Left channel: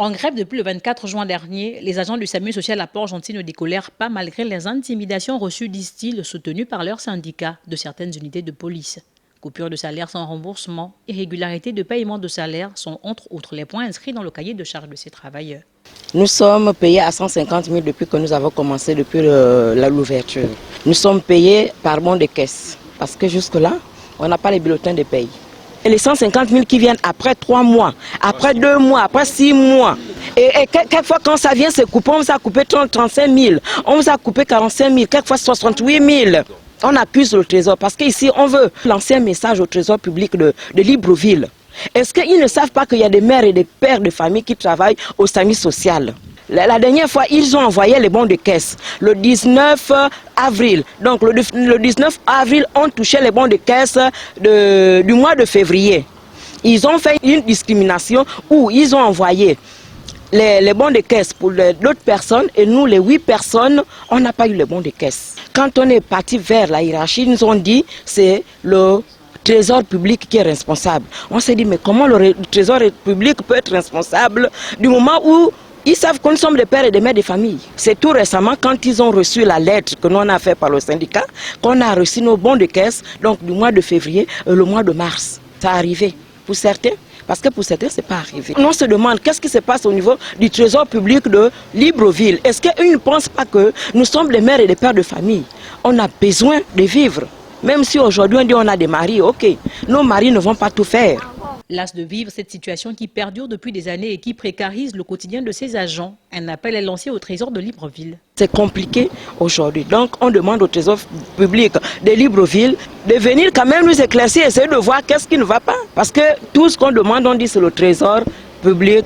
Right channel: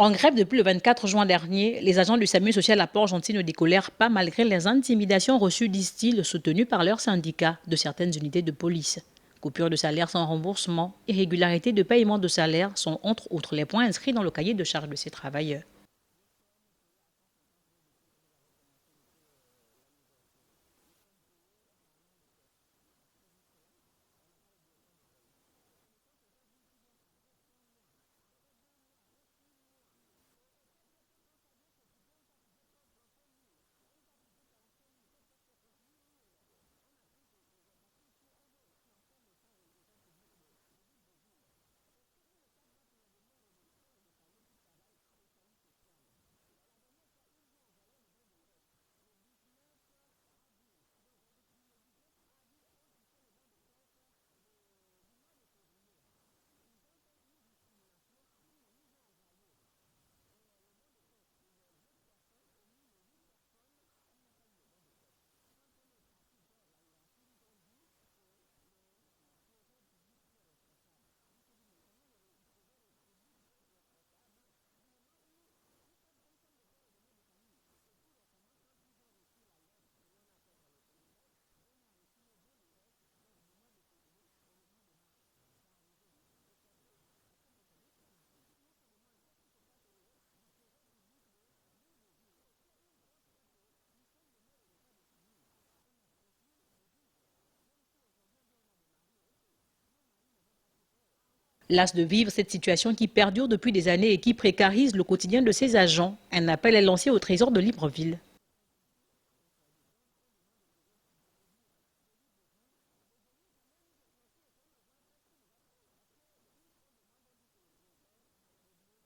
En grève depuis le 24 juin dernier, les agents du SAMU social à Port-Gentil ne décolèrent pas malgré les intimidations reçues, disent-ils, soutenues par leurs syndicats de certaines unités de police. Coupure de salaire sans remboursement, irrégularité de paiement de salaire sont entre autres les points inscrits dans le cahier de charge de ces travailleurs. Nous sommes payés à 150 000 depuis que nous avons commencé, depuis l'ouverture. Nous sommes payés par bon de caisse parce que jusque-là, on n'a pas les bulletins de paye. Et les 150 000 qui viennent après 3 mois, après 2 mois, après 6 mois. Et quelquefois, quand ça vient se couper, on vous a coupé 35 000, on vous a coupé 45 000, quelquefois 68 000. On accuse le Trésor parce qu'ici, on veut lancer un message au Trésor public de Libreville. Est-ce qu'ils ne savent pas qu'il y a des mères et des pères de famille qui travaillent au SAMU social? La dernière fois, ils ont envoyé les bons de caisse le 19 avril. Donc le 19 avril, on touchait les bons de caisse du mois de février. Ils ont fait une discrimination où ils ont envoyé les bons de caisse pour d'autres personnes et nous, les 8 personnes, on n'a pas eu les bons de caisse. Quand on est parti vers la hiérarchie, ils nous ont dit c'est le Trésor public qui est responsable. On s'est dit mais comment le Trésor public peut être responsable du moment où ils savent que nous sommes des pères et des mères de famille. C'est tout récemment quand ils ont reçu la lettre que nous on a fait par le syndicat, qu'on a reçu nos bons de caisse, donc du mois de février et le mois de mars. Ça a arrivé pour certains, parce que pour certains, ce n'est pas arrivé. On se demande qu'est-ce qui se passe au niveau du Trésor public de Libreville. Est-ce qu'ils ne pensent pas que nous sommes des mères et des pères de famille? On a besoin de vivre. Même si aujourd'hui on dit on a des maris, ok, nos maris ne vont pas tout faire. Las de vivre cette situation qui perdure depuis des années et qui précarise le quotidien de ses agents, un appel est lancé au Trésor de Libreville. C'est compliqué aujourd'hui, donc on demande au Trésor public de Libreville de venir quand même nous éclaircir, essayer de voir qu'est-ce qui ne va pas. Parce que tout ce qu'on demande, on dit c'est le Trésor public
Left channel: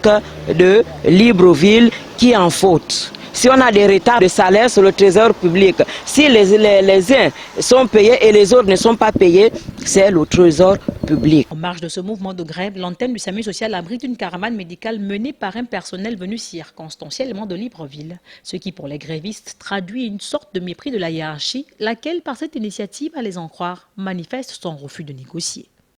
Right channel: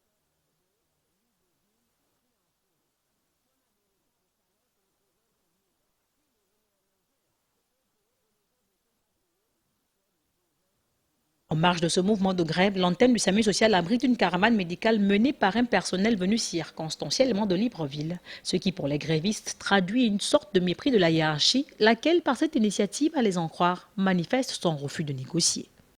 de Libreville qui est en faute. Si on a des retards de salaire sur le Trésor public, si les uns sont payés et les autres ne sont pas payés, c'est le Trésor public. En marge de ce mouvement de grève, l'antenne du SAMU social abrite une caravane médicale menée par un personnel venu circonstanciellement de Libreville. Ce qui, pour les grévistes, traduit une sorte de mépris de la hiérarchie, laquelle, par cette initiative, à les en croire, manifeste son refus de négocier.